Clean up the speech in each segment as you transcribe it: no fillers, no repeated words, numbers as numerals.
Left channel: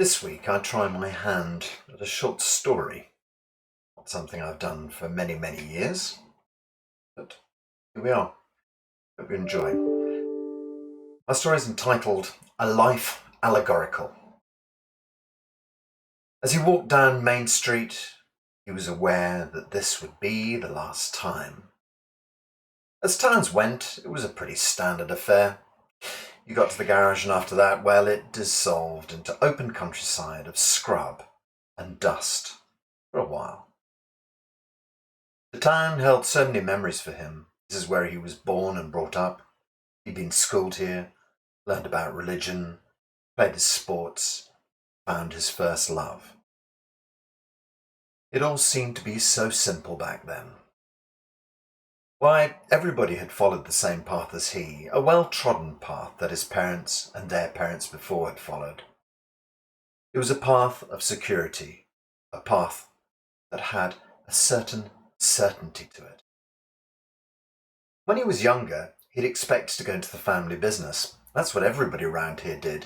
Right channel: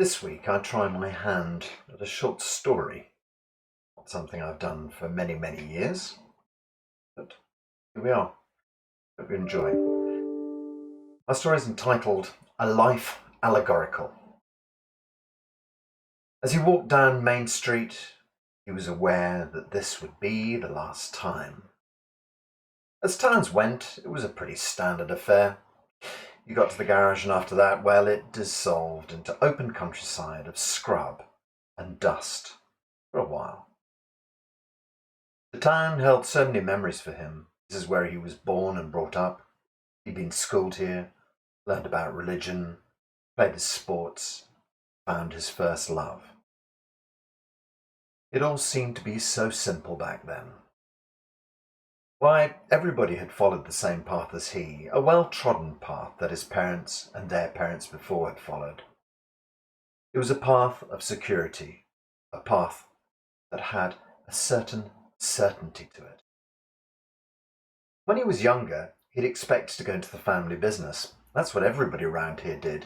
This week I try my hand at a short story. Not something I've done for many, many years, but here we are. Hope you enjoy. My story is entitled A Life Allegorical. As he walked down Main Street, he was aware that this would be the last time. As times went, it was a pretty standard affair. You got to the garage, and after that, well, it dissolved into open countryside of scrub and dust for a while. The town held so many memories for him. This is where he was born and brought up. He'd been schooled here, learned about religion, played his sports, found his first love. It all seemed to be so simple back then. Why, everybody had followed the same path as he, a well-trodden path that his parents and their parents before had followed. It was a path of security, a path that had a certain certainty to it. When he was younger, he'd expect to go into the family business. That's what everybody around here did.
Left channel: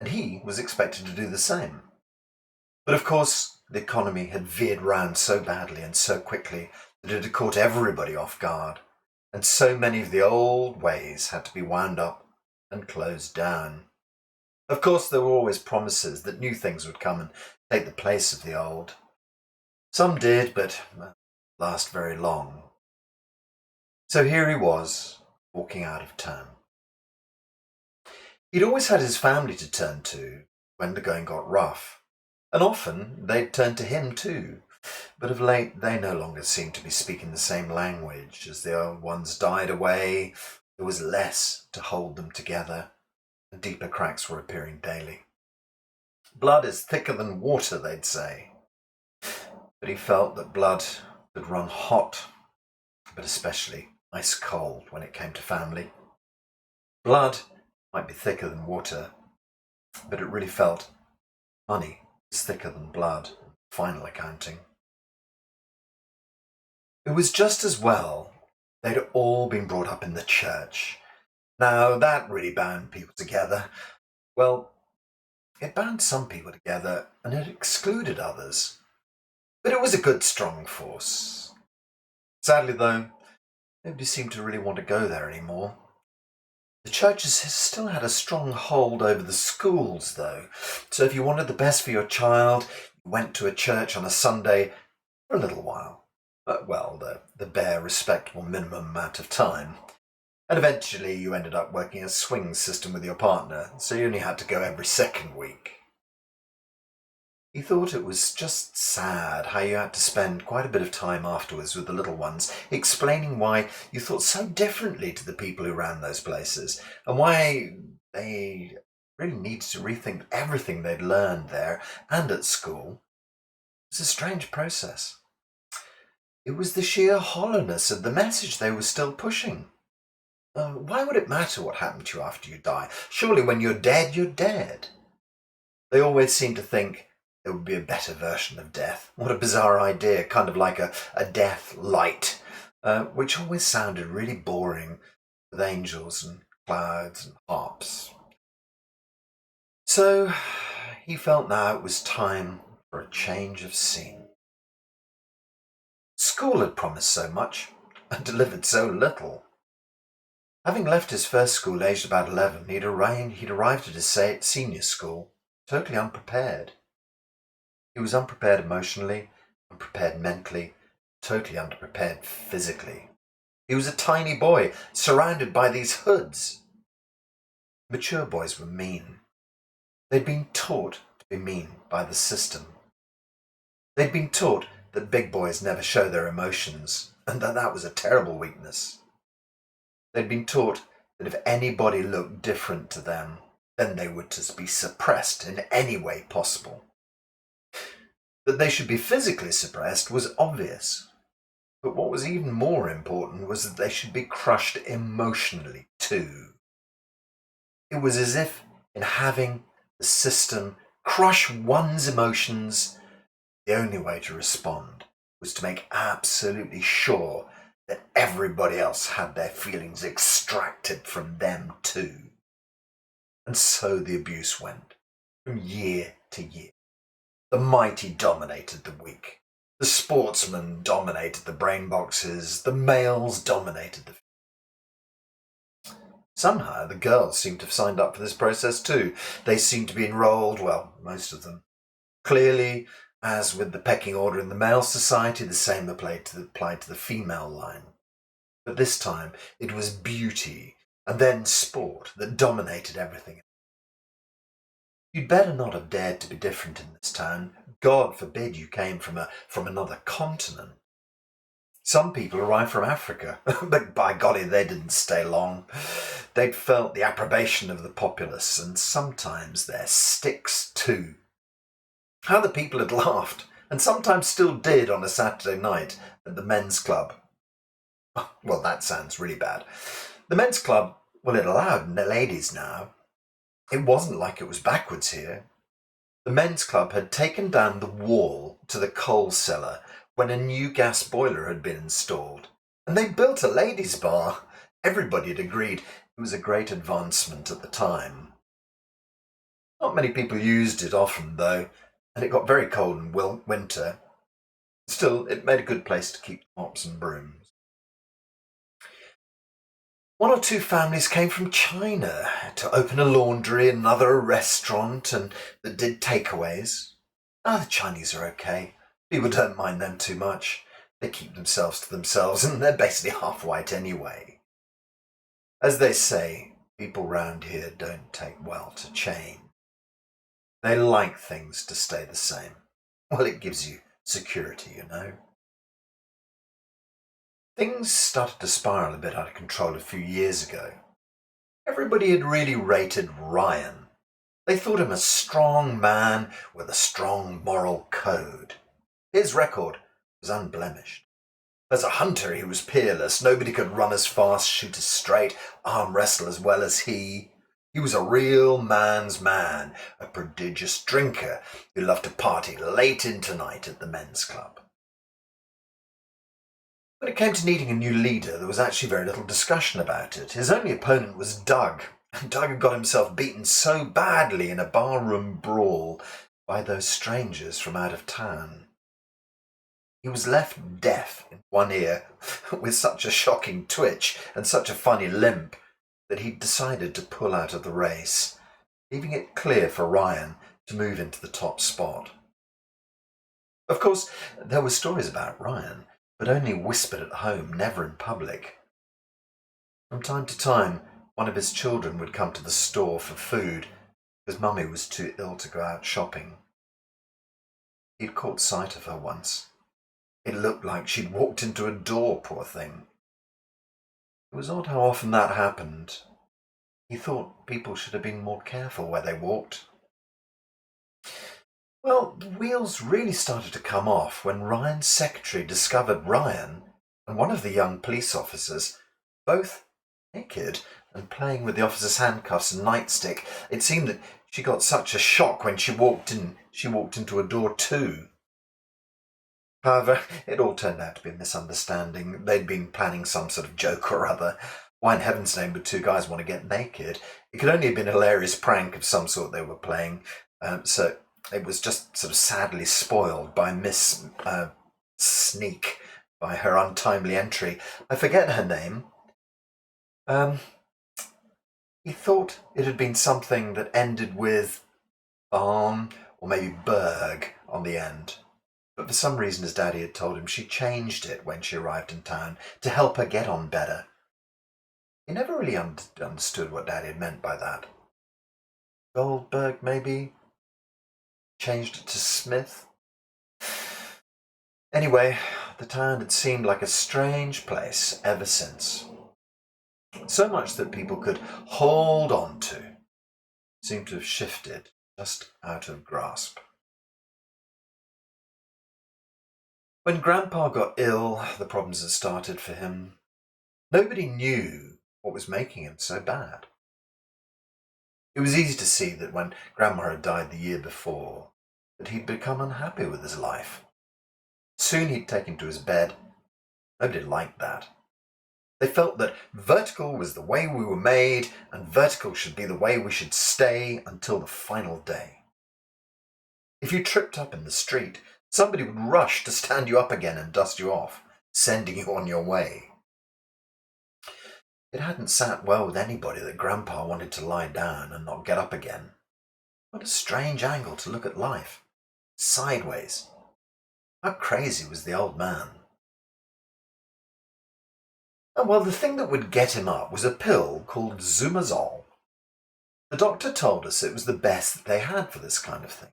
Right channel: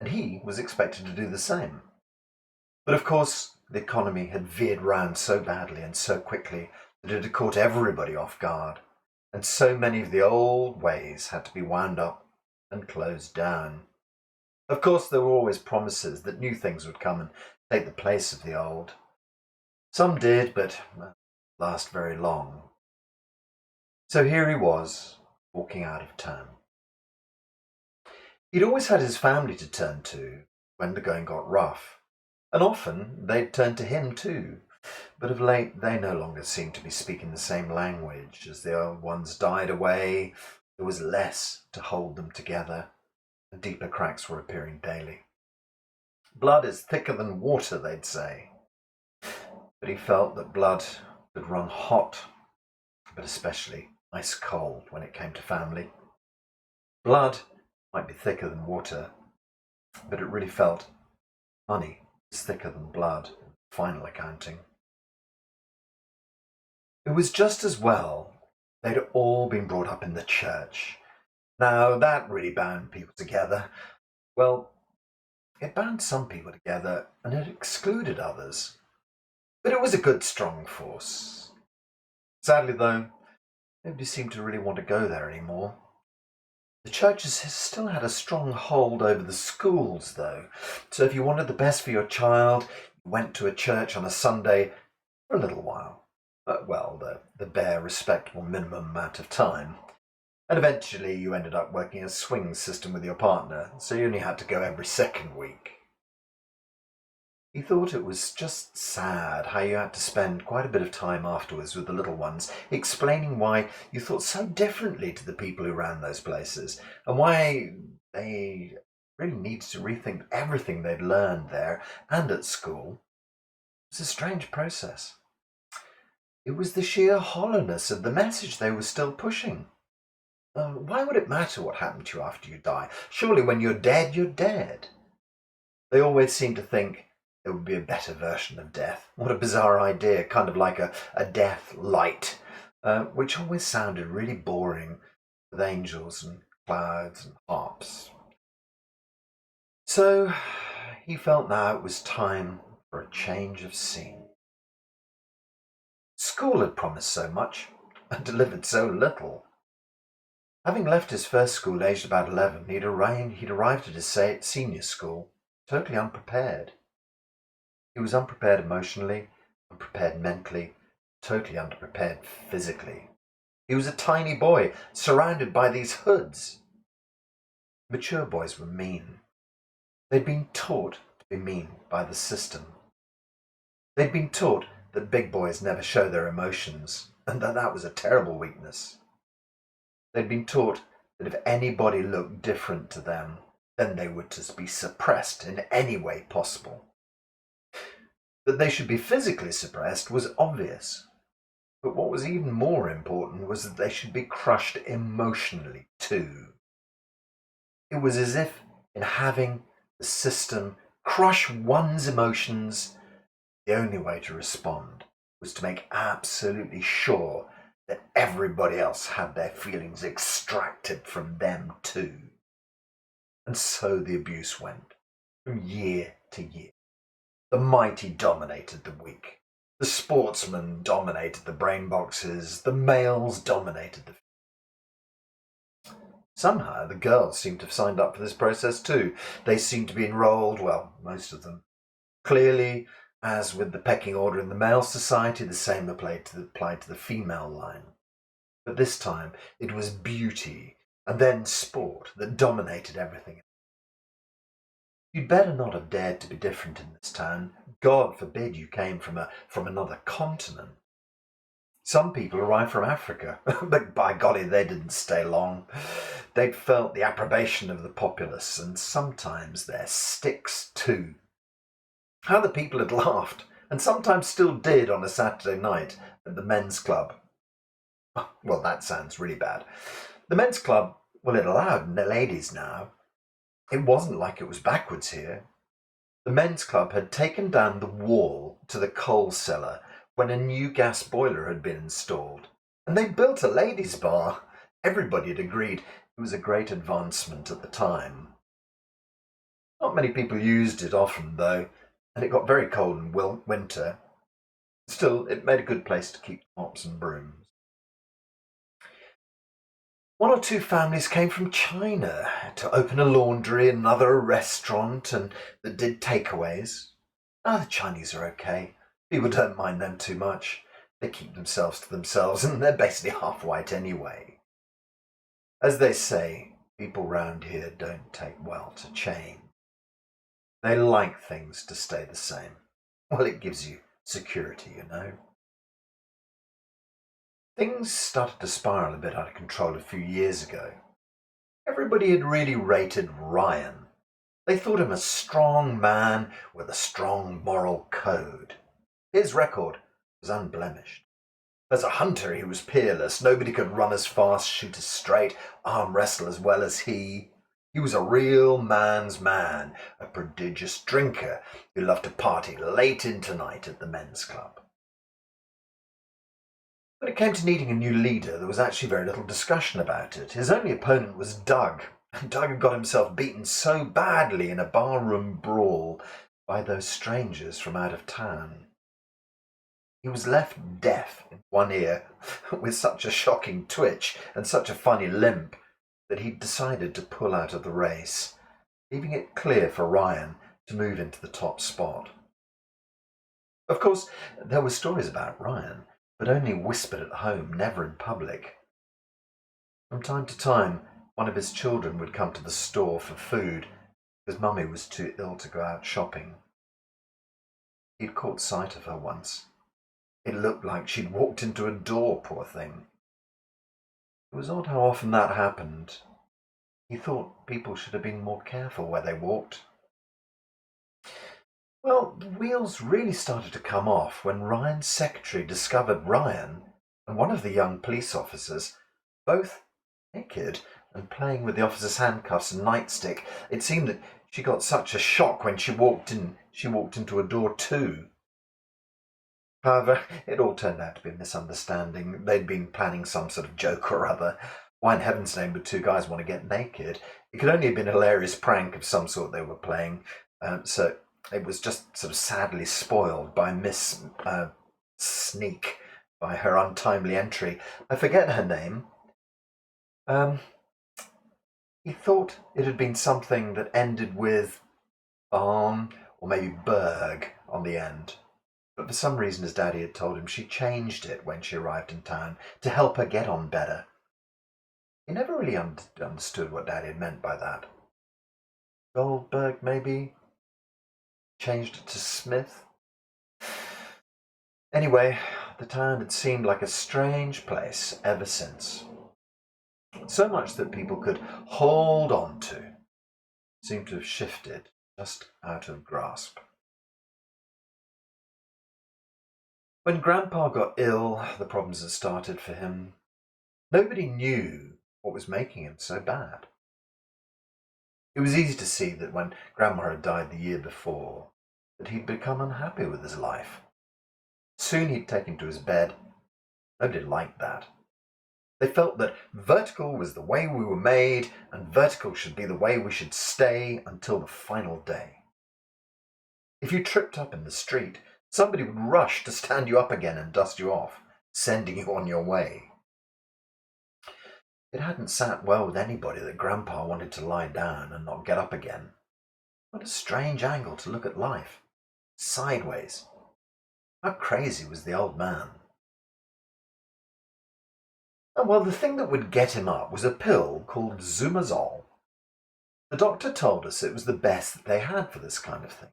And he was expected to do the same. But of course, the economy had veered round so badly and so quickly that it had caught everybody off guard. And so many of the old ways had to be wound up and closed down. Of course, there were always promises that new things would come and take the place of the old. Some did, but last very long. So here he was, walking out of town. He'd always had his family to turn to when the going got rough, and often they'd turn to him too. But of late, they no longer seemed to be speaking the same language. As the old ones died away, there was less to hold them together, and deeper cracks were appearing daily. Blood is thicker than water, they'd say. But he felt that blood could run hot, but especially ice cold when it came to family. Blood might be thicker than water, but it really felt money is thicker than blood, final accounting. It was just as well they'd all been brought up in the church. Now, that really bound people together. Well, it bound some people together and it excluded others. But it was a good, strong force. Sadly, though, nobody seemed to really want to go there anymore. The churches still had a strong hold over the schools, though. So if you wanted the best for your child, you went to a church on a Sunday for a little while. The bare, respectable minimum amount of time. And eventually you ended up working a swing system with your partner, so you only had to go every second week. He thought it was just sad how you had to spend quite a bit of time afterwards with the little ones, explaining why you thought so differently to the people who ran those places, and why they really needed to rethink everything they'd learned there and at school. It was a strange process. It was the sheer hollowness of the message they were still pushing. Why would it matter what happened to you after you die? Surely when you're dead, you're dead. They always seemed to think there would be a better version of death. What a bizarre idea, kind of like a death light, which always sounded really boring with angels and clouds and harps. So he felt now it was time for a change of scene. School had promised so much and delivered so little. Having left his first school aged about 11, he'd arrived at his senior school totally unprepared. He was unprepared emotionally, unprepared mentally, totally underprepared physically. He was a tiny boy, surrounded by these hoods. Mature boys were mean. They'd been taught to be mean by the system. They'd been taught that big boys never show their emotions, and that was a terrible weakness. They'd been taught that if anybody looked different to them, then they were to be suppressed in any way possible. That they should be physically suppressed was obvious, but what was even more important was that they should be crushed emotionally too. It was as if in having the system crush one's emotions, the only way to respond was to make absolutely sure that everybody else had their feelings extracted from them too. And so the abuse went. from year to year. The mighty dominated the weak. The sportsmen dominated the brain boxes. The males dominated the... Somehow the girls seem to have signed up for this process too. They seem to be enrolled, well, most of them. Clearly, as with the pecking order in the male society, the same applied to the female line. But this time it was beauty and then sport that dominated everything. You'd better not have dared to be different in this town. God forbid you came from another continent. Some people arrived from Africa, but by golly, they didn't stay long. They'd felt the approbation of the populace, and sometimes their sticks too. How the people had laughed, and sometimes still did on a Saturday night at the men's club. Well, that sounds really bad. The men's club, well, it allowed the ladies now. It wasn't like it was backwards here. The men's club had taken down the wall to the coal cellar when a new gas boiler had been installed, and they built a ladies' bar. Everybody had agreed it was a great advancement at the time. Not many people used it often, though, and it got very cold in winter. Still, it made a good place to keep mops and brooms. One or two families came from China to open a laundry, another a restaurant, and that did takeaways. The Chinese are okay. People don't mind them too much. They keep themselves to themselves, and they're basically half white anyway. As they say, people round here don't take well to change. They like things to stay the same. Well, it gives you security, you know. Things started to spiral a bit out of control a few years ago. Everybody had really rated Ryan. They thought him a strong man with a strong moral code. His record was unblemished. As a hunter, he was peerless. Nobody could run as fast, shoot as straight, arm wrestle as well as he. He was a real man's man, a prodigious drinker who loved to party late into night at the men's club. When it came to needing a new leader, there was actually very little discussion about it. His only opponent was Doug. Doug had got himself beaten so badly in a barroom brawl by those strangers from out of town. He was left deaf in one ear with such a shocking twitch and such a funny limp that he decided to pull out of the race, leaving it clear for Ryan to move into the top spot. Of course, there were stories about Ryan, but only whispered at home, never in public. From time to time, one of his children would come to the store for food because Mummy was too ill to go out shopping. He'd caught sight of her once. It looked like she'd walked into a door, poor thing. It was odd how often that happened. He thought people should have been more careful where they walked. Well, the wheels really started to come off when Ryan's secretary discovered Ryan and one of the young police officers both naked and playing with the officer's handcuffs and nightstick. It seemed that she got such a shock when she walked into a door too. However, it all turned out to be a misunderstanding. They'd been planning some sort of joke or other. Why in heaven's name would two guys want to get naked? It could only have been a hilarious prank of some sort they were playing. So it was just sort of sadly spoiled by Miss Sneak, by her untimely entry. I forget her name. He thought it had been something that ended with Barn or maybe Berg on the end. But for some reason his daddy had told him she changed it when she arrived in town to help her get on better. He never really understood what Daddy had meant by that. Goldberg, maybe? Changed it to Smith? Anyway, the town had seemed like a strange place ever since. So much that people could hold on to seemed to have shifted just out of grasp. When Grandpa got ill, the problems had started for him. Nobody knew what was making him so bad. It was easy to see that when Grandma had died the year before, that he'd become unhappy with his life. Soon he'd taken to his bed. Nobody liked that. They felt that vertical was the way we were made, and vertical should be the way we should stay until the final day. If you tripped up in the street, somebody would rush to stand you up again and dust you off, sending you on your way. It hadn't sat well with anybody that Grandpa wanted to lie down and not get up again. What a strange angle to look at life. Sideways. How crazy was the old man? And well, the thing that would get him up was a pill called Zumazol. The doctor told us it was the best that they had for this kind of thing,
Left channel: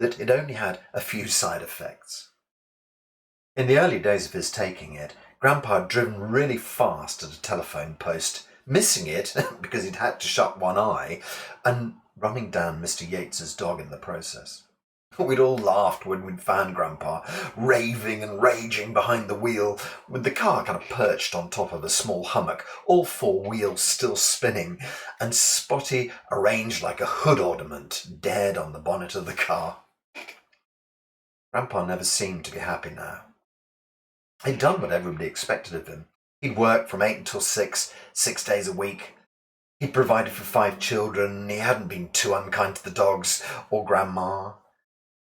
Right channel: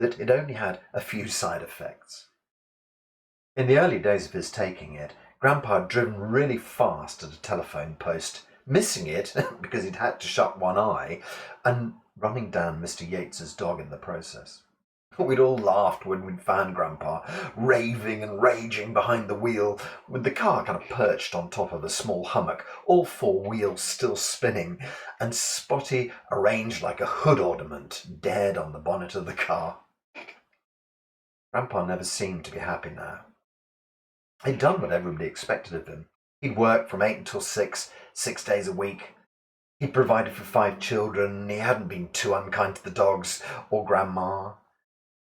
that it only had a few side effects. In the early days of his taking it, Grandpa had driven really fast at a telephone post, missing it because he'd had to shut one eye, and running down Mr. Yates's dog in the process. We'd all laughed when we'd found Grandpa raving and raging behind the wheel, with the car kind of perched on top of a small hummock, all four wheels still spinning, and Spotty arranged like a hood ornament dead on the bonnet of the car. Grandpa never seemed to be happy now. He'd done what everybody expected of him. He'd worked from 8 until 6, 6 days a week. He'd provided for 5 children. He hadn't been too unkind to the dogs or Grandma.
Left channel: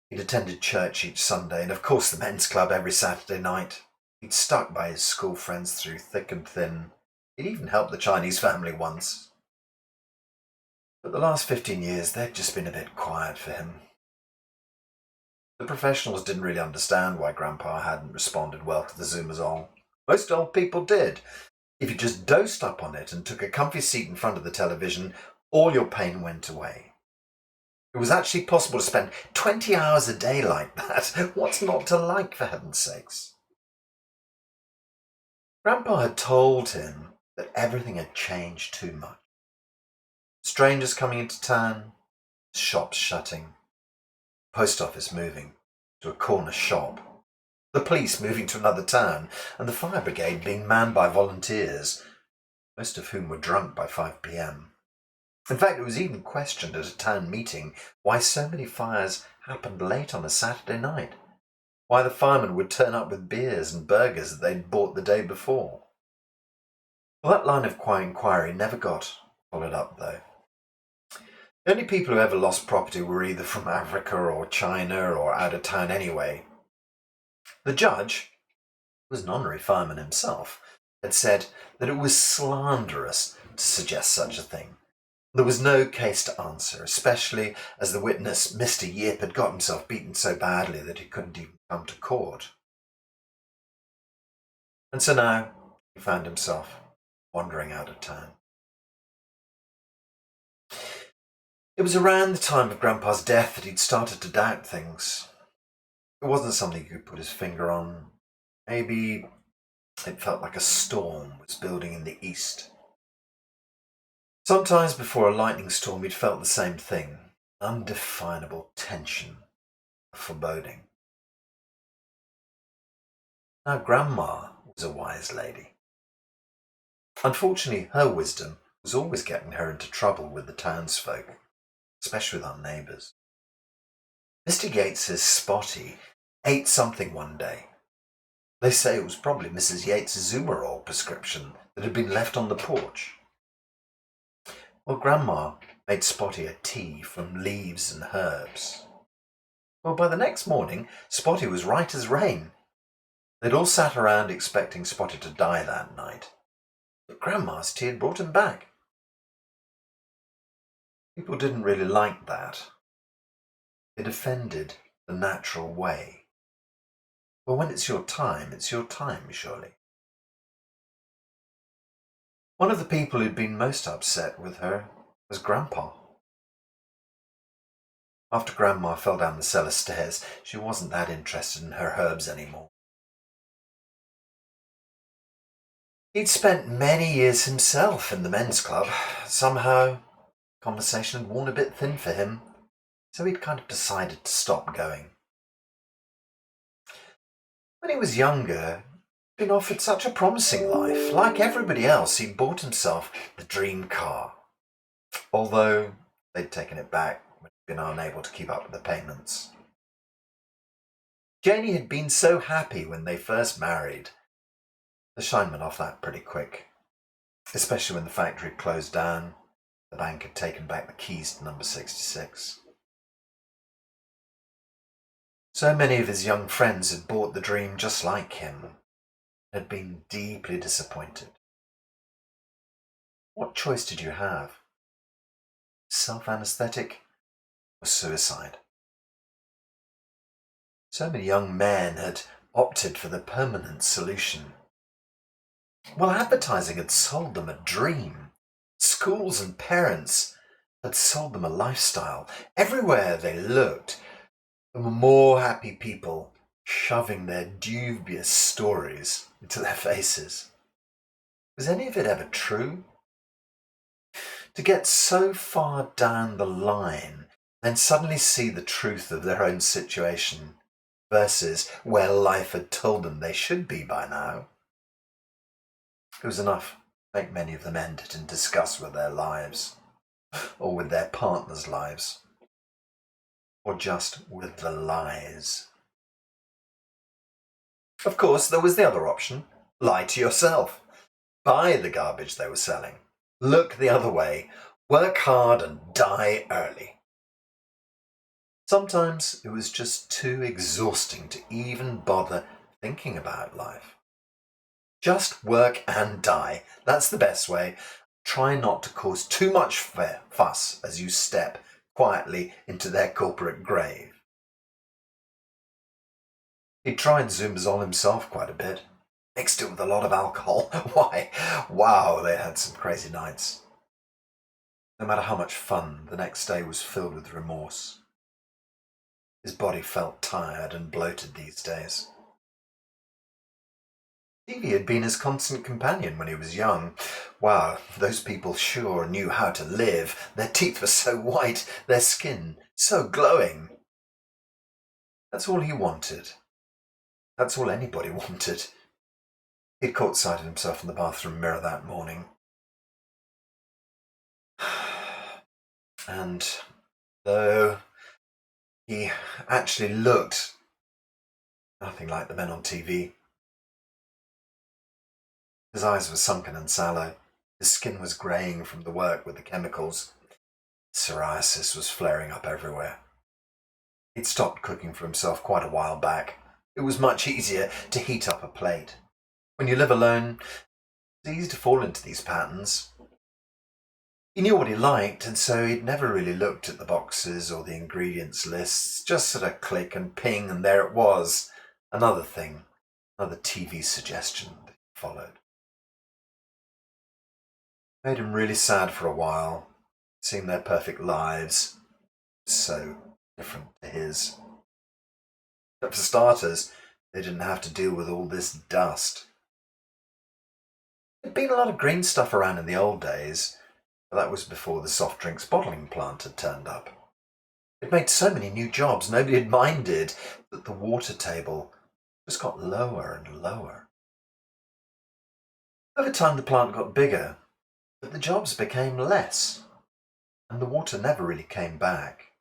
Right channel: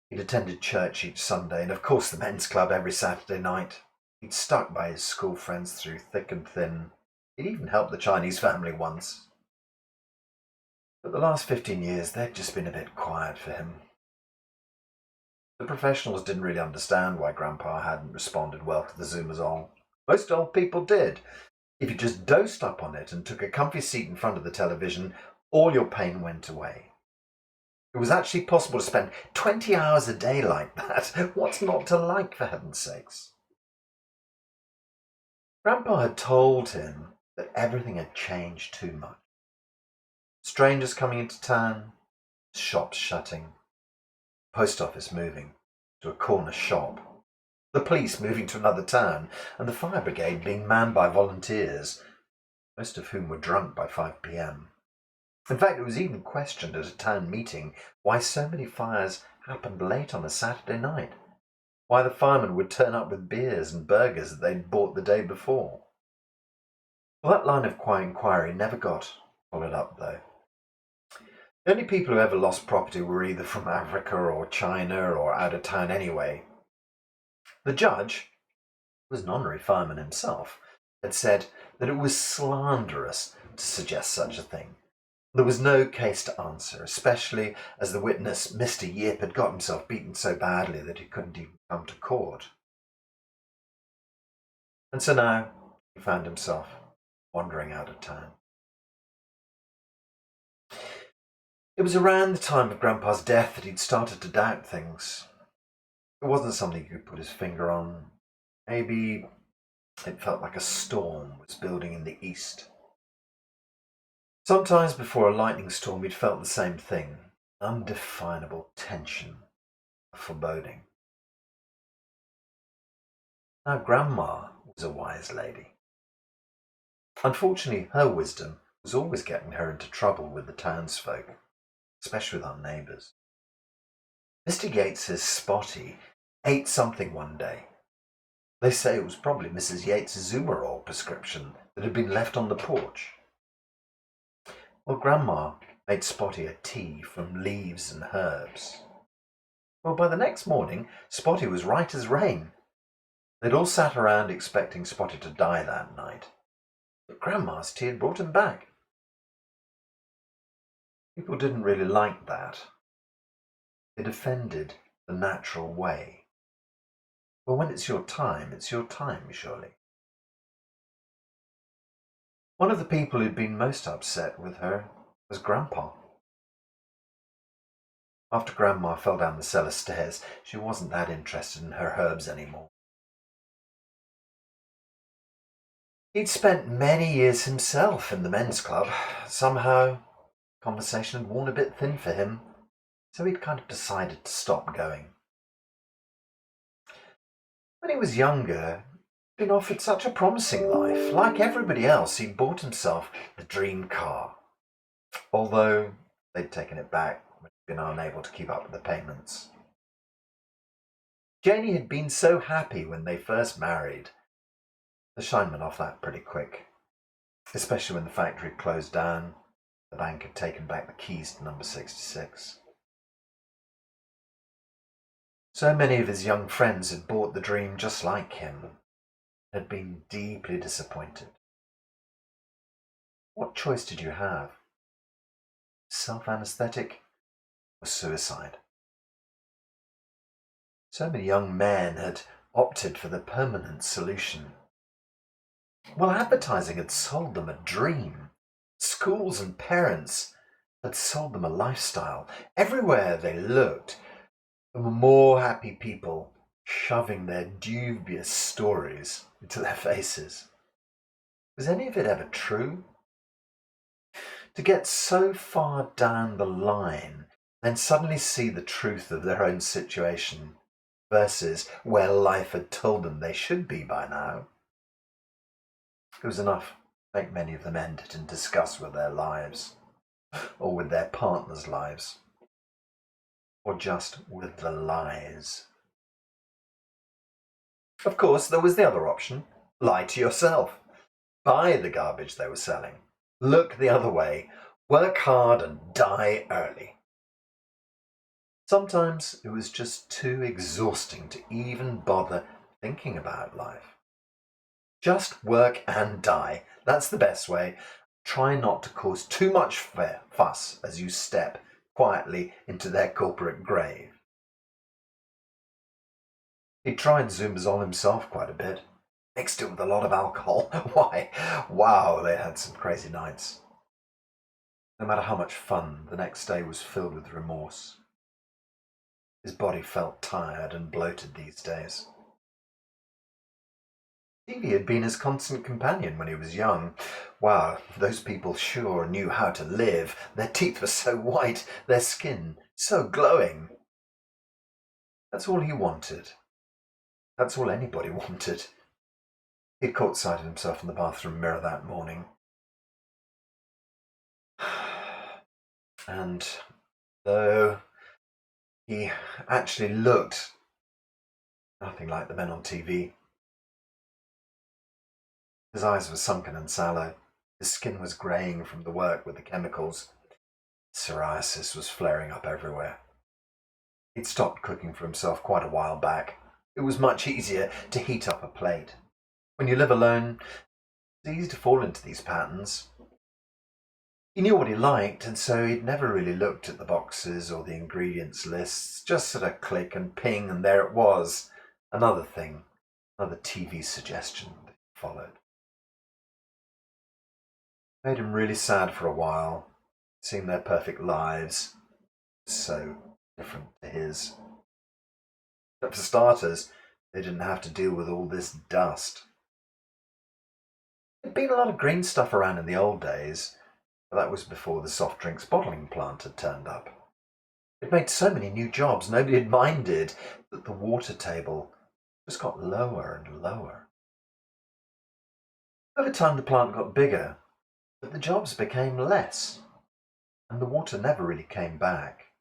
He'd attended church each Sunday and, of course, the men's club every Saturday night. He'd stuck by his school friends through thick and thin. He'd even helped the Chinese family once. But the last 15 years, they'd just been a bit quiet for him. The professionals didn't really understand why Grandpa hadn't responded well to the Zumazol. Most old people did. If you just dosed up on it and took a comfy seat in front of the television, all your pain went away. It was actually possible to spend 20 hours a day like that. What's not to like, for heaven's sakes? Grandpa had told him that everything had changed too much. Strangers coming into town, shops shutting, post office moving to a corner shop, the police moving to another town, and the fire brigade being manned by volunteers, most of whom were drunk by 5 p.m. In fact, it was even questioned at a town meeting why so many fires happened late on a Saturday night, why the firemen would turn up with beers and burgers that they'd bought the day before. Well, that line of inquiry never got followed up, though. The only people who ever lost property were either from Africa or China or out of town anyway. The judge, who was an honorary fireman himself, had said that it was slanderous to suggest such a thing. There was no case to answer, especially as the witness, Mr. Yip, had got himself beaten so badly that he couldn't even come to court. And so now he found himself wandering out of town. It was around the time of Grandpa's death that he'd started to doubt things. It wasn't something he could put his finger on. Maybe it felt like a storm was building in the east. Sometimes before a lightning storm, he'd felt the same thing, undefinable tension, foreboding. Now, Grandma was a wise lady. Unfortunately, her wisdom was always getting her into trouble with the townsfolk, especially with our neighbours. Mr. Yates's Spotty ate something one day. They say it was probably Mrs. Yates's Zumarol prescription that had been left on the porch. Well, Grandma made Spotty a tea from leaves and herbs. Well, by the next morning, Spotty was right as rain. They'd all sat around expecting Spotty to die that night, but Grandma's tea had brought him back. People didn't really like that. It offended the natural way. Well, when it's your time, surely. One of the people who'd been most upset with her was Grandpa. After Grandma fell down the cellar stairs, she wasn't that interested in her herbs anymore. He'd spent many years himself in the men's club. Somehow, conversation had worn a bit thin for him, so he'd kind of decided to stop going. When he was younger, he'd been offered such a promising life. Like everybody else, he'd bought himself the dream car, although they'd taken it back when he'd been unable to keep up with the payments. Janie had been so happy when they first married. The shine went off that pretty quick, especially when the factory had closed down. The bank had taken back the keys to number 66. So many of his young friends had bought the dream just like him, and had been deeply disappointed. What choice did you have? Self-anesthetic or suicide? So many young men had opted for the permanent solution. Well, advertising had sold them a dream. Schools and parents had sold them a lifestyle. Everywhere they looked, there were more happy people shoving their dubious stories into their faces. Was any of it ever true? To get so far down the line, then suddenly see the truth of their own situation versus where life had told them they should be by now. It was enough to make many of them end it in disgust with their lives, or with their partners' lives, or just with the lies. Of course, there was the other option. Lie to yourself. Buy the garbage they were selling. Look the other way. Work hard and die early. Sometimes it was just too exhausting to even bother thinking about life. Just work and die. That's the best way. Try not to cause too much fuss as you step quietly into their corporate grave. He tried Zumazol himself quite a bit. Mixed it with a lot of alcohol. Why? Wow, they had some crazy nights. No matter how much fun, the next day was filled with remorse. His body felt tired and bloated these days. TV had been his constant companion when he was young. Wow, those people sure knew how to live. Their teeth were so white, their skin so glowing. That's all he wanted. That's all anybody wanted. He'd caught sight of himself in the bathroom mirror that morning. And though he actually looked nothing like the men on TV, his eyes were sunken and sallow. His skin was greying from the work with the chemicals. Psoriasis was flaring up everywhere. He'd stopped cooking for himself quite a while back. It was much easier to heat up a plate. When you live alone, it's easy to fall into these patterns. He knew what he liked, and so he'd never really looked at the boxes or the ingredients lists. Just sort of click and ping, and there it was. Another thing, another TV suggestion that followed. Made him really sad for a while, seeing their perfect lives so different to his. But for starters, they didn't have to deal with all this dust. There'd been a lot of green stuff around in the old days, but that was before the soft drinks bottling plant had turned up. It made so many new jobs, nobody had minded that the water table just got lower and lower. Over time, the plant got bigger, but the jobs became less, and the water never really came back.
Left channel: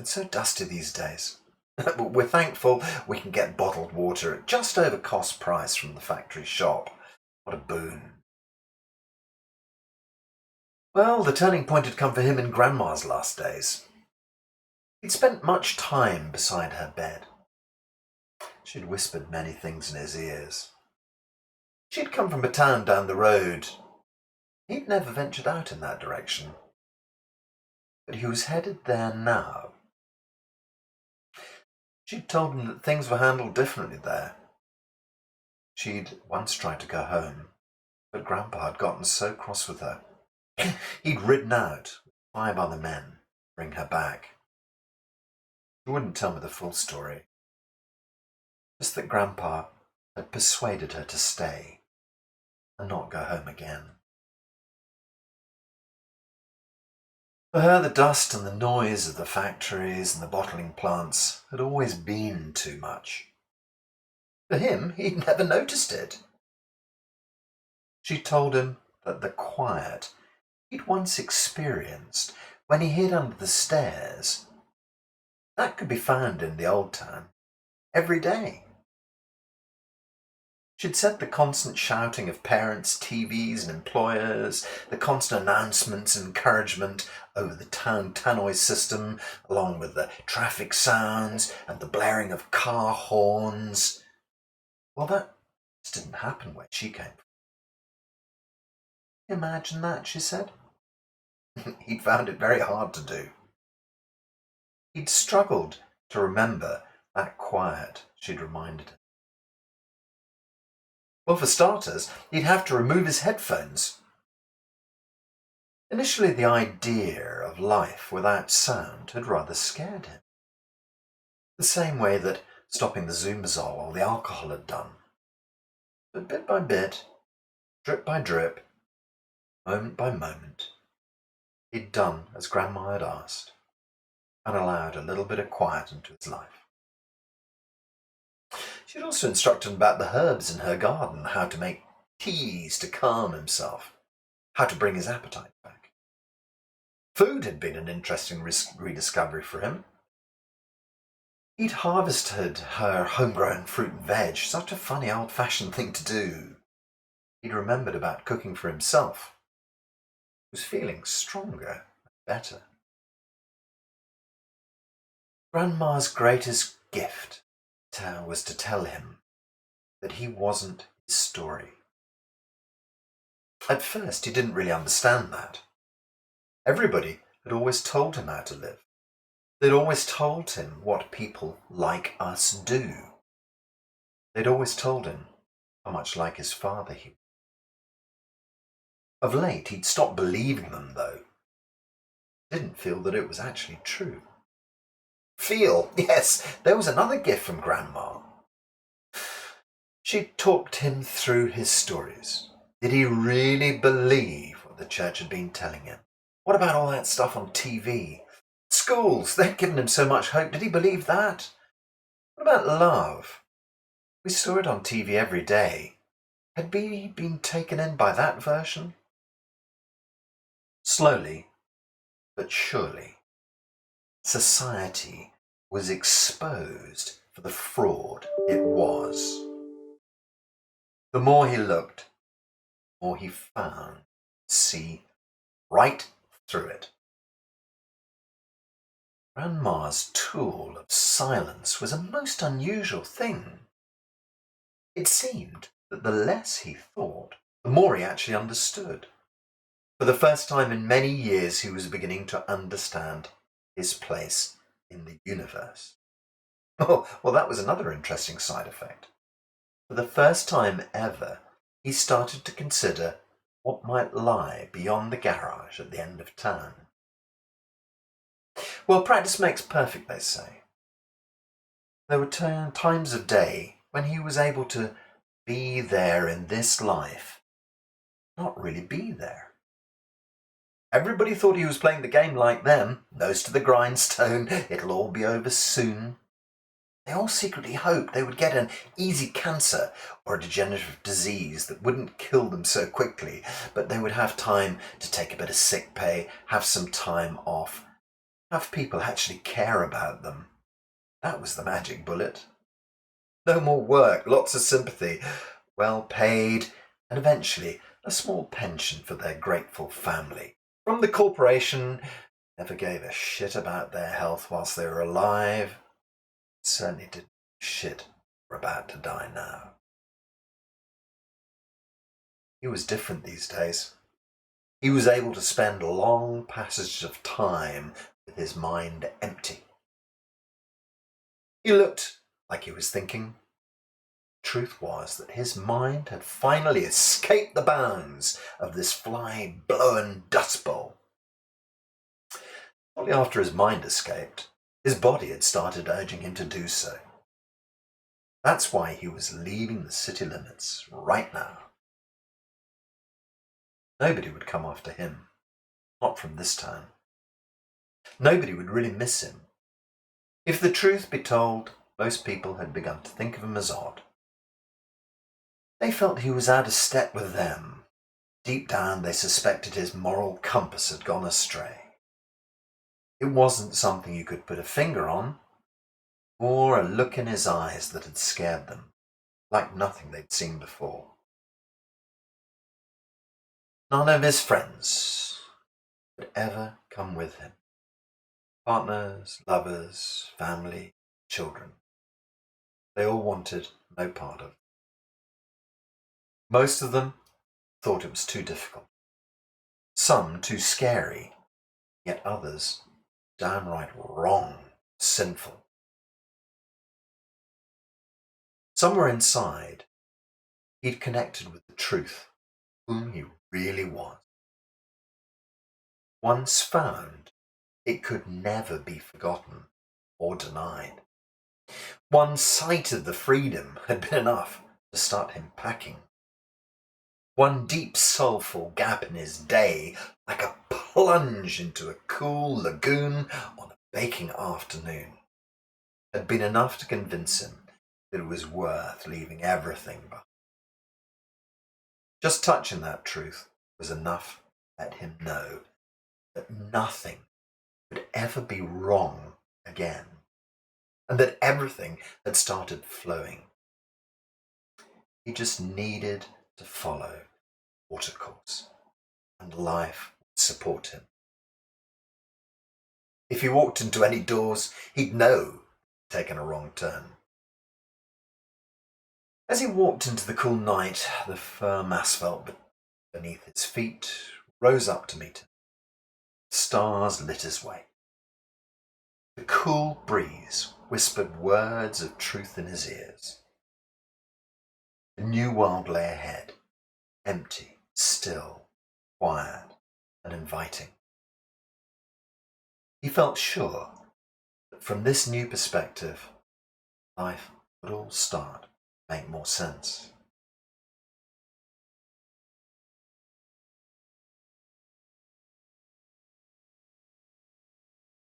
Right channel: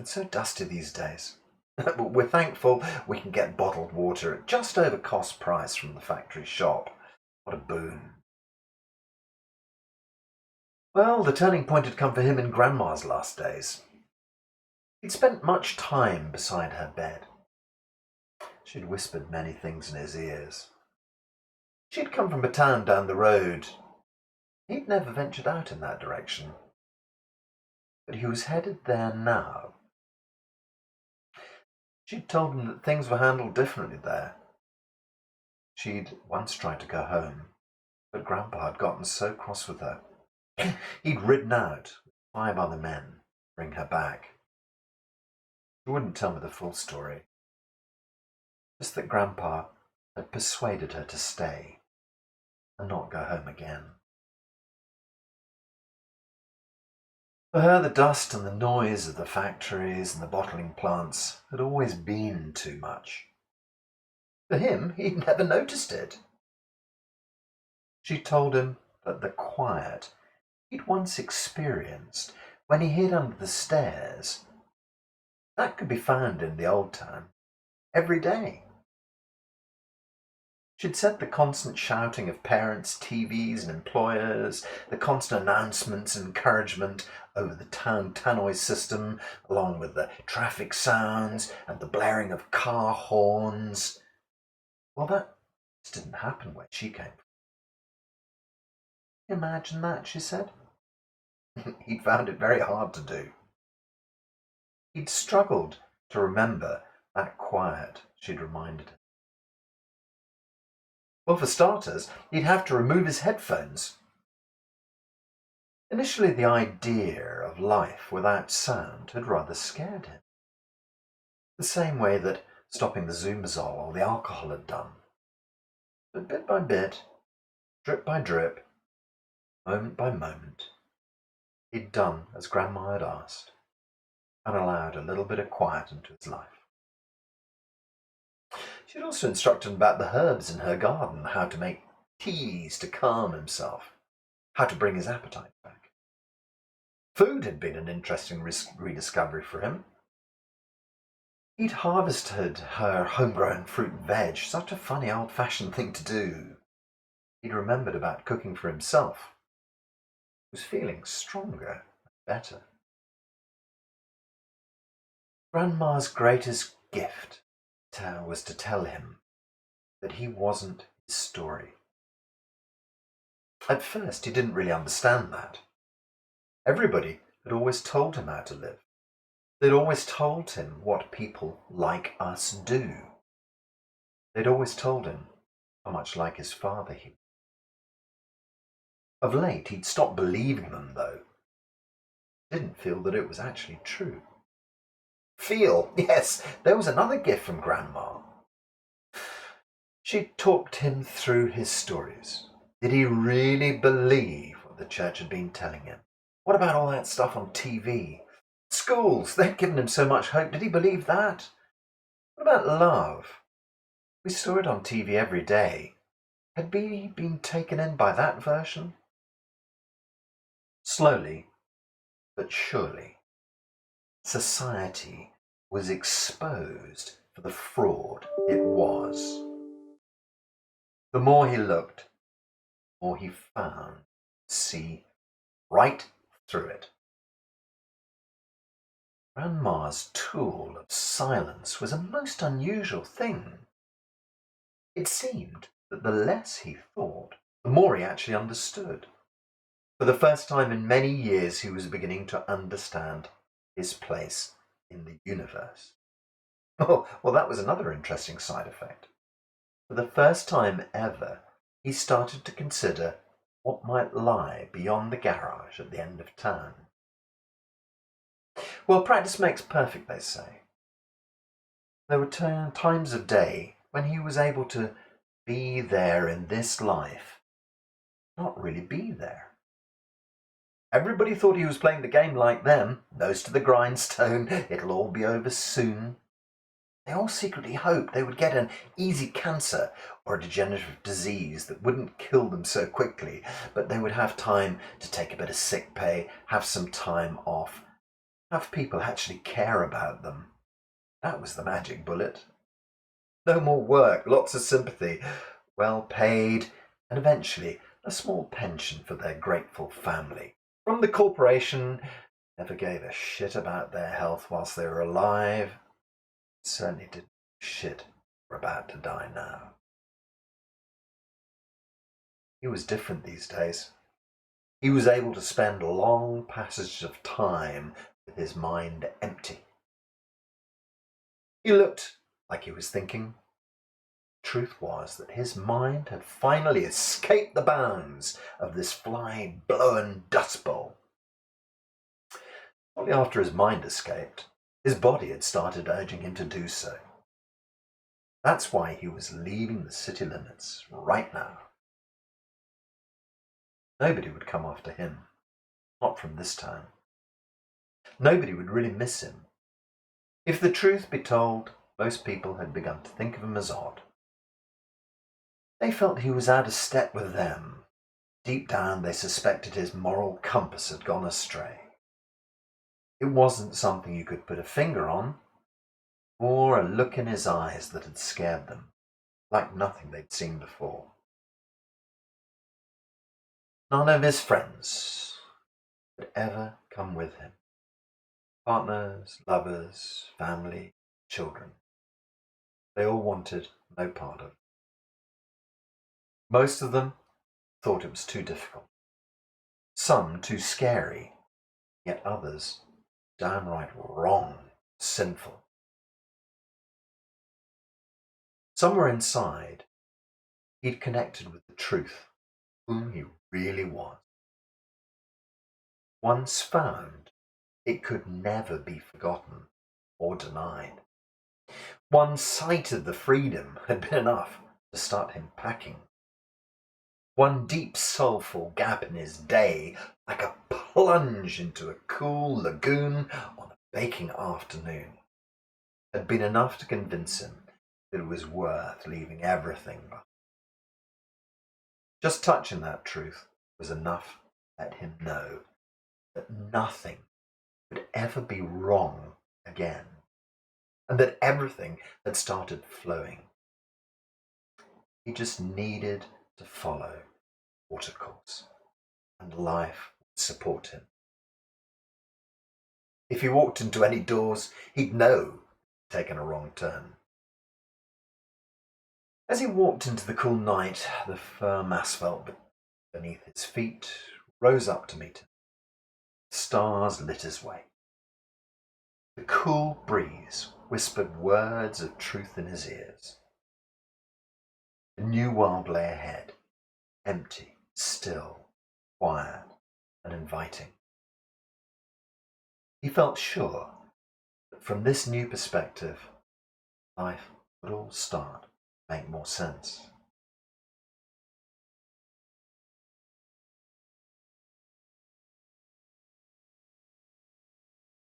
It's so dusty these days. We're thankful we can get bottled water at just over cost price from the factory shop. What a boon. Well, the turning point had come for him in Grandma's last days. He'd spent much time beside her bed. She'd whispered many things in his ears. She'd come from a town down the road. He'd never ventured out in that direction. But he was headed there now. She'd told him that things were handled differently there. She'd once tried to go home, but Grandpa had gotten so cross with her. He'd ridden out with 5 other men to bring her back. She wouldn't tell me the full story. Just that Grandpa had persuaded her to stay and not go home again. For her, the dust and the noise of the factories and the bottling plants had always been too much. For him, he'd never noticed it. She told him that the quiet he'd once experienced when he hid under the stairs, that could be found in the old town every day. She'd said the constant shouting of parents, TVs and employers, the constant announcements and encouragement over the town tannoy system, along with the traffic sounds and the blaring of car horns. Well, that just didn't happen where she came from. Imagine that, she said. He'd found it very hard to do. He'd struggled to remember that quiet she'd reminded him. Well, for starters, he'd have to remove his headphones. Initially, the idea of life without sound had rather scared him. The same way that stopping the Zoomazole or the alcohol had done. But bit by bit, drip by drip, moment by moment, he'd done as Grandma had asked and allowed a little bit of quiet into his life. She'd also instructed him about the herbs in her garden, how to make teas to calm himself, how to bring his appetite back. Food had been an interesting rediscovery for him. He'd harvested her homegrown fruit and veg, such a funny old-fashioned thing to do. He'd remembered about cooking for himself. He was feeling stronger and better. Grandma's greatest gift was to tell him that he wasn't his story. At first, he didn't really understand that. Everybody had always told him how to live. They'd always told him what people like us do. They'd always told him how much like his father he was. Of late, he'd stopped believing them, though. Didn't feel that it was actually true. Feel, yes, there was another gift from Grandma. She talked him through his stories. Did he really believe what the church had been telling him? What about all that stuff on TV? Schools, they'd given him so much hope. Did he believe that? What about love? We saw it on TV every day. Had he been taken in by that version? Slowly, but surely, society was exposed for the fraud it was. The more he looked, the more he found to see right through it. Grandma's tool of silence was a most unusual thing. It seemed that the less he thought, the more he actually understood. For the first time in many years, he was beginning to understand his place in the universe. Oh, well, that was another interesting side effect. For the first time ever, he started to consider what might lie beyond the garage at the end of town. Well, practice makes perfect, they say. There were times of day when he was able to be there in this life, not really be there. Everybody thought he was playing the game like them, nose to the grindstone, it'll all be over soon. They all secretly hoped they would get an easy cancer or a degenerative disease that wouldn't kill them so quickly, but they would have time to take a bit of sick pay, have some time off, have people actually care about them. That was the magic bullet. No more work, lots of sympathy, well paid, and eventually a small pension for their grateful family. From the corporation, never gave a shit about their health whilst they were alive. Certainly didn't shit were about to die now. He was different these days. He was able to spend long passages of time with his mind empty. He looked like he was thinking. Truth was that his mind had finally escaped the bounds of this fly-blown dust bowl. Shortly after his mind escaped, his body had started urging him to do so. That's why he was leaving the city limits right now. Nobody would come after him, not from this town. Nobody would really miss him. If the truth be told, most people had begun to think of him as odd. They felt he was out of step with them. Deep down, they suspected his moral compass had gone astray. It wasn't something you could put a finger on, or a look in his eyes that had scared them. like nothing they'd seen before. None of his friends would ever come with him. Partners, lovers, family, children. They all wanted no part of it. Most of them thought it was too difficult. Some too scary, yet others downright wrong, sinful. Somewhere inside, he'd connected with the truth, whom he really was. Once found, it could never be forgotten or denied. One sight of the freedom had been enough to start him packing. One deep soulful gap in his day, like a plunge into a cool lagoon on a baking afternoon, had been enough to convince him that it was worth leaving everything behind. Just touching that truth was enough to let him know that nothing could ever be wrong again, and that everything had started flowing. He just needed to follow watercourse, and life would support him. If he walked into any doors, he'd know he'd taken a wrong turn. As he walked into the cool night, the firm asphalt beneath his feet rose up to meet him. Stars lit his way. The cool breeze whispered words of truth in his ears. The new world lay ahead, empty, still, quiet, and inviting. He felt sure that from this new perspective, life would all start to make more sense.